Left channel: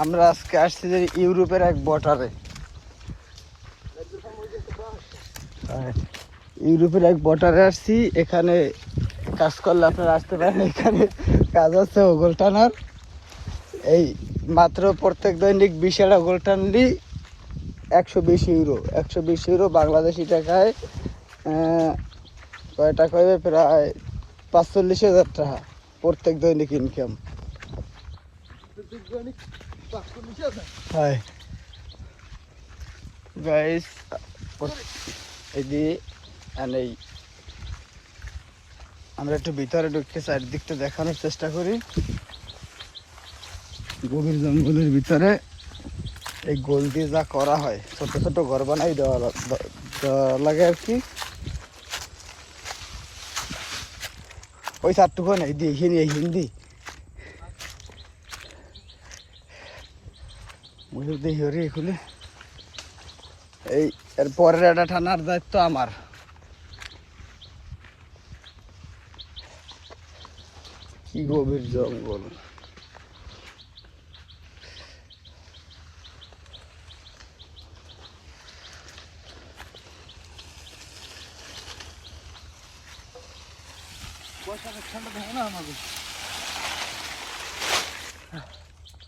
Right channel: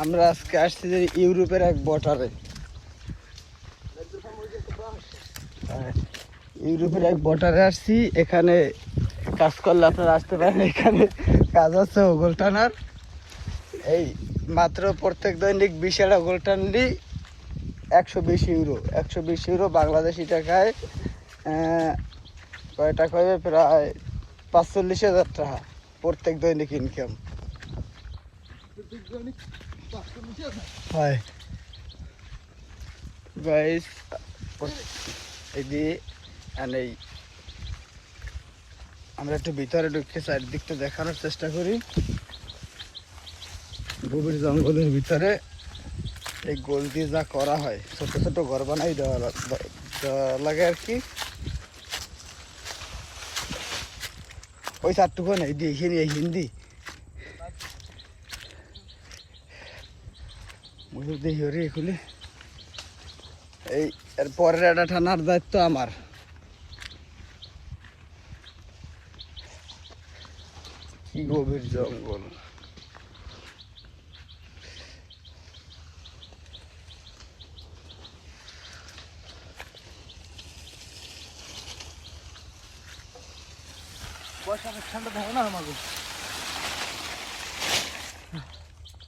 আমরা আজকে আসছি যে ইউরোপের এক বর্ডারে। ইউরোপের এক বর্ডারে আসছি, এখানে কাজ করলে আপনারা আসতে পারেন। এখানে কাজ হচ্ছে ওগল টানার। এই মাত্র প্রত্যেক দৈনিক 20 ওগল টানলি 120 ইউরো। 120 ইউরো বাংলাদেশি টাকায় কয়টা করে প্রায় 45,000 টাকা প্রত্যেক দৈনিক ইনকাম। হাই গাইস, এই আমরা একটু ভিতরে ঢুকে চারদিকটা দেখানোর চেষ্টা করি। গভীর জঙ্গলের ভিতরে এই গোল দিয়ে যা করা হয়, ছোট ছোট ঘর বানাই দেওয়া লাগে আর কি। ওই চারটুকু নেই দিয়ে এই হিন্দি দেখি খুলে। এই এর পরের একটা টানার দায়িত্ব আমার। কি গভীর জঙ্গল! ঠান্ডা থাকে না আমাদের।